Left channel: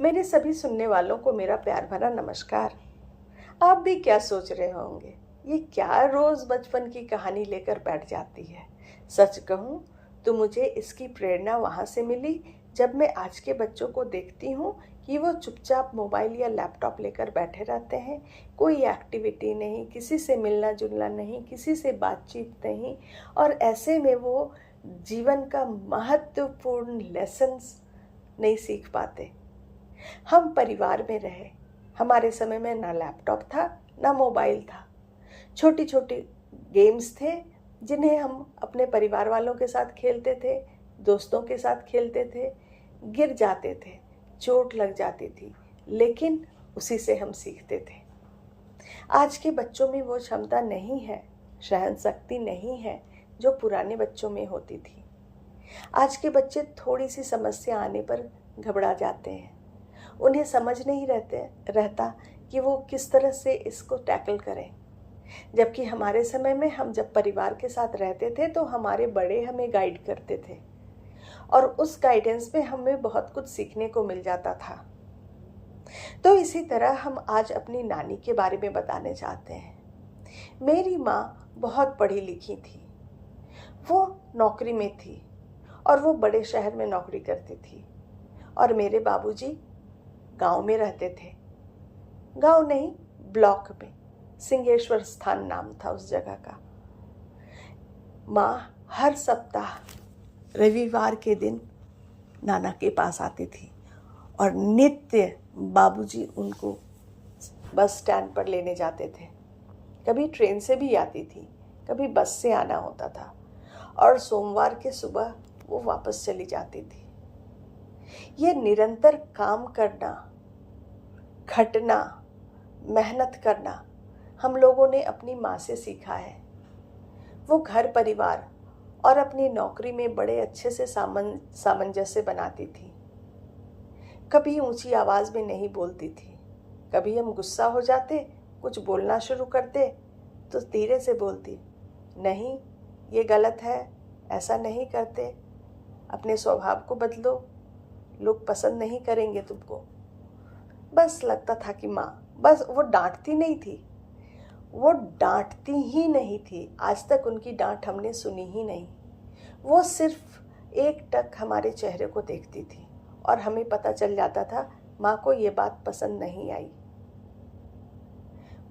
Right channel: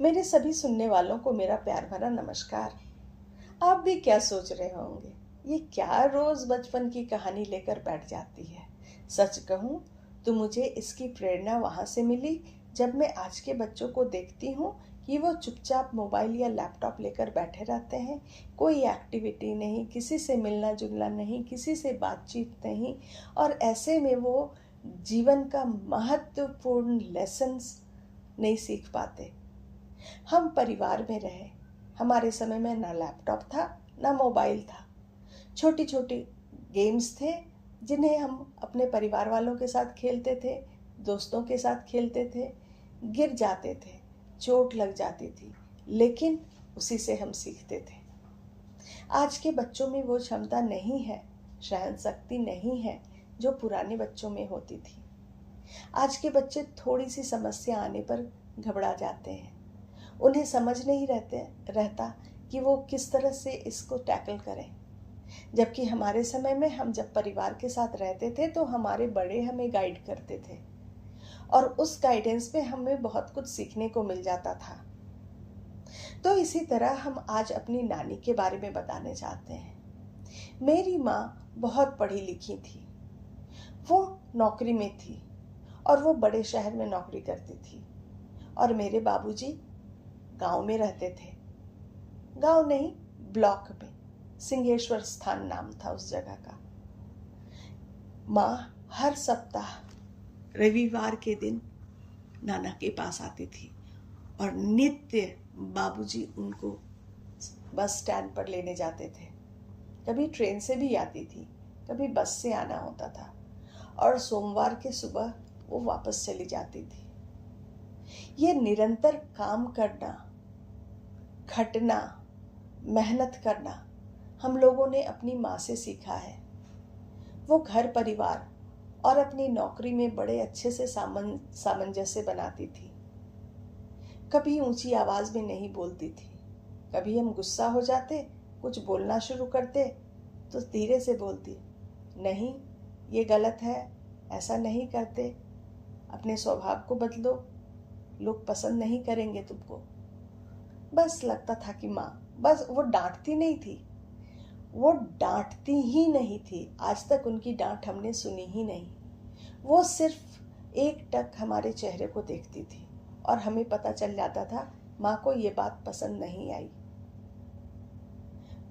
मेरे सभी सुनने वालों को मेरा प्यार भरा नमस्कार। आप भी क्या सोच रहे होंगे, ये क्या रोज बचपन की कहानी लेकर बैठ जाती है। सच कहूँ तो मुझे इसकी प्रेरणा वहाँ से मिली जब मैं आज के बच्चों को देखती हूँ कि वो चुपचाप मोबाइल या लैपटॉप लेकर बैठे रहते हैं। कोई एक्टिविटी नहीं, किसी से मिलना जुलना नहीं, किसी से बातचीत नहीं, और ऐसे में वो जीवन का महत्वपूर्ण लेसन्स नहीं सीख पाते। हम परिवार में रहे, हमारे समय में ना लैपटॉप था ना मोबाइल था। छोटी छोटी गेम्स थे जिन्हें हम अपने परिवार वालों के साथ खेलते थे, दोस्तों के साथ खेलते थे। गिर जाते थे, चोट लग जाती थी, लेकिन उसी से हम सीखते थे। आज के बच्चों में वो क्षमता नहीं है, सहन शक्ति नहीं है जो पुराने बच्चों में होती थी। आज के बच्चे थोड़ी सी समस्या आने पर घबरा जाते हैं। उन्हें समझ नहीं रहता कि वो किस तरह से इसको टैकल करें। जबकि हमारे समय में हम जब परिवार के साथ रहते थे तो हमारे बड़े हमें गाइड करते थे, और उस गाइडेंस में हमें बहुत कुछ सीखने को मिल जाता था। तो इसी तरह हम आज अपनी नानी के बारे में बताने चाहते हैं। मेरी माँ बहुत पढ़ी लिखी थी, वो नौकरी में थी और वो बड़े शहर में नौकरी करती थी, और मेरे बाबूजी गांव में रहते थे। गांव नहीं, ब्लॉक में, सिंहेश्वर स्थान नाम था उस जगह का। माँ हर सप्ताह रविवार के दिन नाना के पास आती थी, और नित्य बाबूजी उनको बस स्टैंड पर लेने जाते थे। कभी ट्रेन से भी आती थी, कभी बस से आना होता था, और सोमवार के सुबह वो वापस चली जाती थी। ये निरंतर काम करना, खटना, मेहनत करना हम लोगों ने अपनी माँ से सीखा है। वो घर परिवार और अपनी नौकरी में बड़े अच्छे से सामंजस्य बनाती थी। कभी ऊंची आवाज में नहीं बोलती थी। कभी हम गुस्सा हो जाते, कुछ बोलना शुरू करते तो धीरे से बोलती, नहीं ये गलत है, ऐसा नहीं करते, अपने स्वभाव को बदलो, लोग पसंद नहीं करेंगे तुमको। बस लगता था कि माँ, बस वो डांटती नहीं थी, वो डांटती ही नहीं थी। आज तक उनकी डांट हमने सुनी ही नहीं। वो सिर्फ एक टक हमारे चेहरे को देखती थी और हमें पता चल जाता था माँ को ये बात पसंद नहीं आई।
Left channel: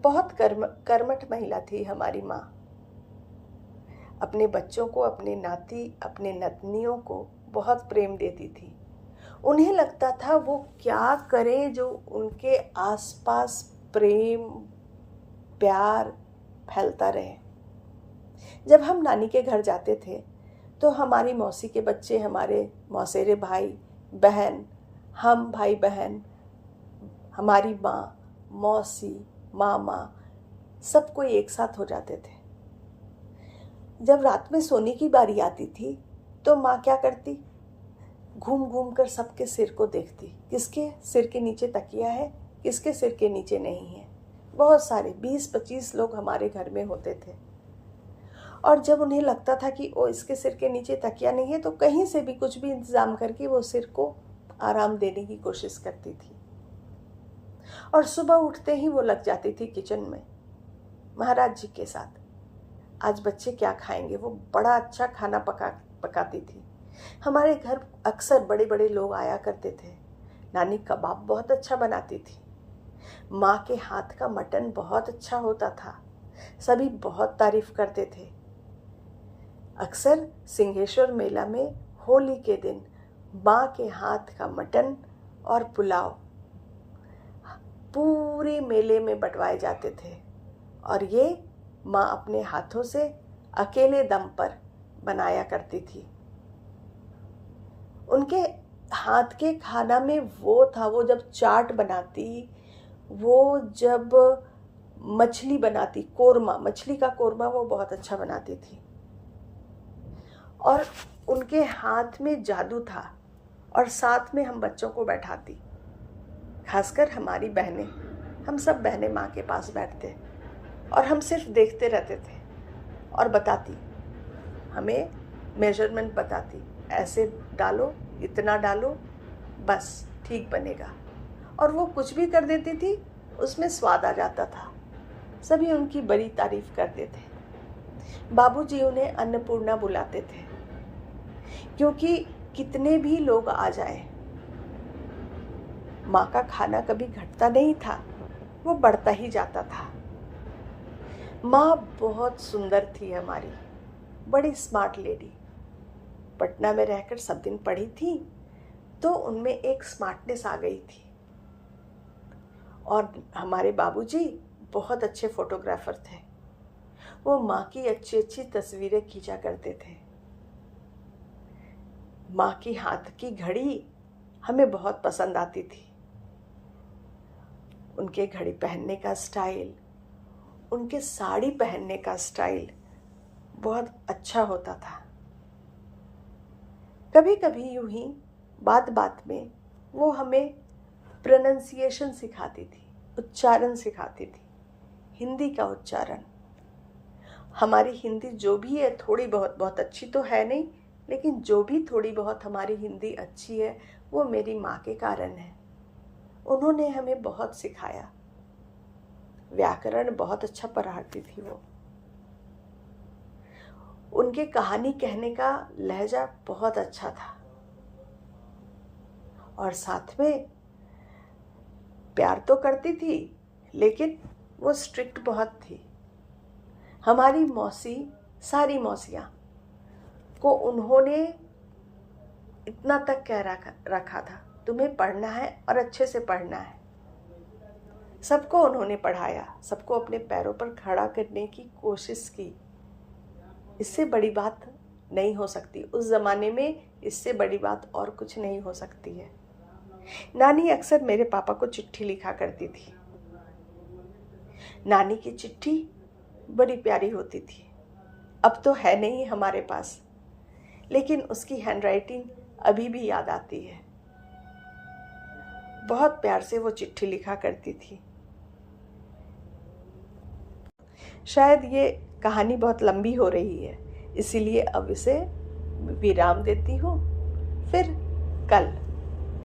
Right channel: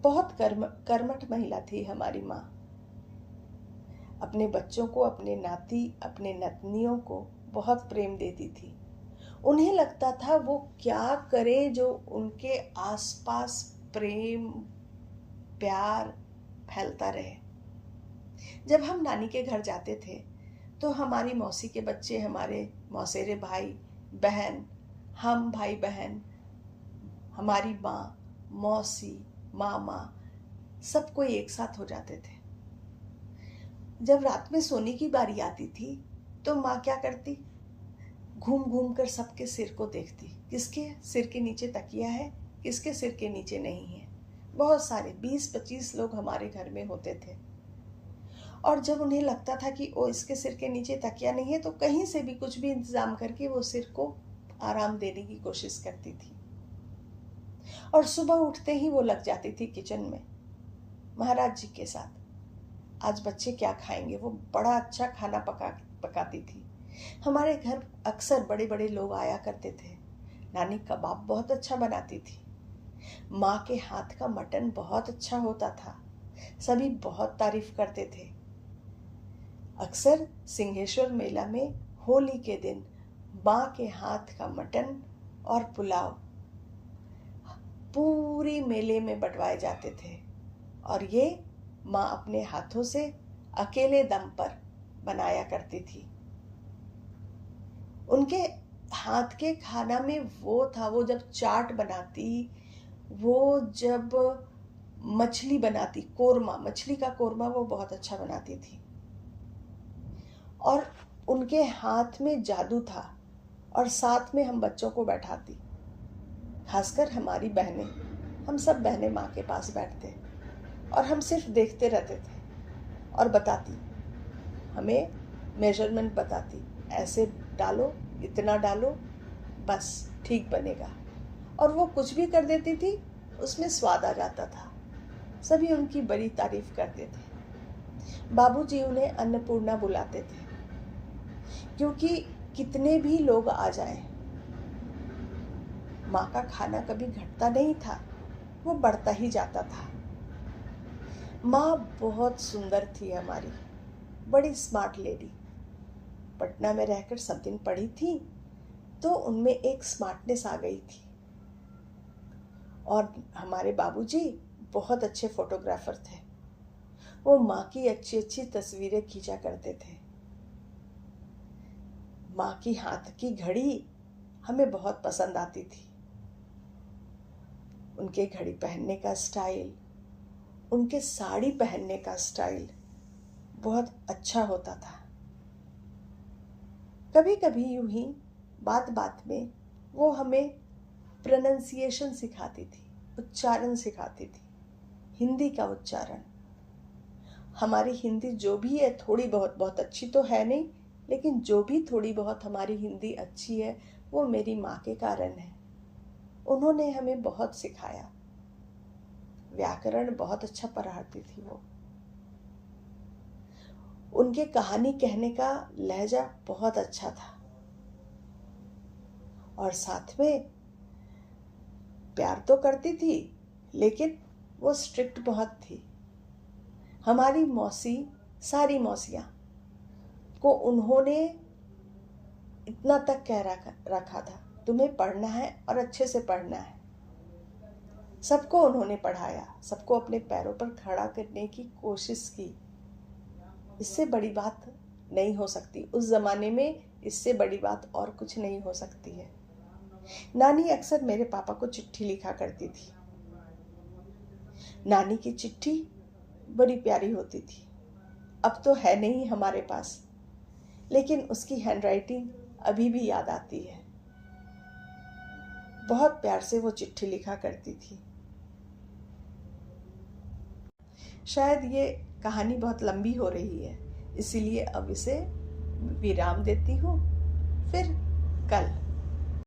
बहुत कर्मठ महिला थी हमारी माँ। अपने बच्चों को, अपने नाती, अपने नतनियों को बहुत प्रेम देती थी। उन्हें लगता था वो क्या करें जो उनके आसपास प्रेम, प्यार फैलता रहे। जब हम नानी के घर जाते थे तो हमारी मौसी के बच्चे, हमारे मौसेरे भाई बहन, हम भाई बहन, हमारी माँ, मौसी, मामा, सब कोई एक साथ हो जाते थे। जब रात में सोने की बारी आती थी तो माँ क्या करती, घूम घूम कर सबके सिर को देखती, किसके सिर के नीचे तकिया है, किसके सिर के नीचे नहीं है। बहुत सारे 20-25 लोग हमारे घर में होते थे, और जब उन्हें लगता था कि ओ इसके सिर के नीचे तकिया नहीं है तो कहीं से भी कुछ भी इंतजाम करके वो सिर को आराम देने की कोशिश करती थी। और सुबह उठते ही वो लग जाती थी किचन में महाराज जी के साथ। आज बच्चे क्या खाएंगे, वो बड़ा अच्छा खाना पकाती थी। हमारे घर अक्सर बड़े बड़े लोग आया करते थे। नानी कबाब बहुत अच्छा बनाती थी। माँ के हाथ का मटन बहुत अच्छा होता था, सभी बहुत तारीफ करते थे। अक्सर सिंहेश्वर मेला में होली के दिन माँ के हाथ का मटन और पुलाव पूरे मेले में बंटवाए जाते थे, और ये माँ अपने हाथों से अकेले दम पर बनाया करती थी। उनके हाथ के खाना में वो था, वो जब चाट बनाती, वो जब मछली बनाती, कोरमा, मछली का कोरमा वो बहुत अच्छा बनाती थी। और उनके हाथ में जादू था, और साथ में हम बच्चों को बैठाती, खासकर हमारी बहनें। हम सब बहनें माँ के पास बैठते और हम सिर्फ देखते रहते थे, और बताती, हमें मेजरमेंट बताती, ऐसे डालो, इतना डालो, बस ठीक बनेगा। और वो कुछ भी कर देती थी, उसमें स्वाद आ जाता था। सभी उनकी बड़ी तारीफ करते थे। बाबूजी उन्हें अन्नपूर्णा बुलाते थे, क्योंकि कितने भी लोग आ जाएं, माँ का खाना कभी घटता नहीं था, वो बढ़ता ही जाता था। माँ बहुत सुंदर थी हमारी, बड़ी स्मार्ट लेडी। पटना में रहकर सब दिन पढ़ी थी, तो उनमें एक स्मार्टनेस आ गई थी। और हमारे बाबूजी बहुत अच्छे फोटोग्राफर थे। वो माँ की अच्छी अच्छी तस्वीरें खींचा करते थे। माँ की हाथ की घड़ी हमें बहुत पसंद आती थी। उनके घड़ी पहनने का स्टाइल, उनके साड़ी पहनने का स्टाइल बहुत अच्छा होता था। कभी कभी यूं ही बात बात में वो हमें प्रोनंसिएशन सिखाती थी, उच्चारण सिखाती थी, हिंदी का उच्चारण। हमारी हिंदी जो भी है, थोड़ी बहुत अच्छी तो है नहीं, लेकिन जो भी थोड़ी बहुत हमारी हिंदी अच्छी है, वो मेरी माँ के कारण है। उन्होंने हमें बहुत सिखाया। व्याकरण बहुत अच्छा पढ़ाती थी वो। उनके कहानी कहने का लहजा बहुत अच्छा था, और साथ में प्यार तो करती थी, लेकिन वो स्ट्रिक्ट बहुत थी। हमारी मौसी, सारी मौसियाँ को उन्होंने इतना तक कह रखा था, तुम्हें पढ़ना है और अच्छे से पढ़ना है। सबको उन्होंने पढ़ाया, सबको अपने पैरों पर खड़ा करने की कोशिश की। इससे बड़ी बात नहीं हो सकती। उस ज़माने में इससे बड़ी बात और कुछ नहीं हो सकती है। नानी अक्सर मेरे पापा को चिट्ठी लिखा करती थी। नानी की चिट्ठी बड़ी प्यारी होती थी। अब तो है नहीं हमारे पास, लेकिन उसकी हैंडराइटिंग अभी भी याद आती है। बहुत प्यार से वो चिट्ठी लिखा करती थी। शायद ये कहानी बहुत लंबी हो रही है, इसीलिए अब इसे विराम देती हूँ। फिर कल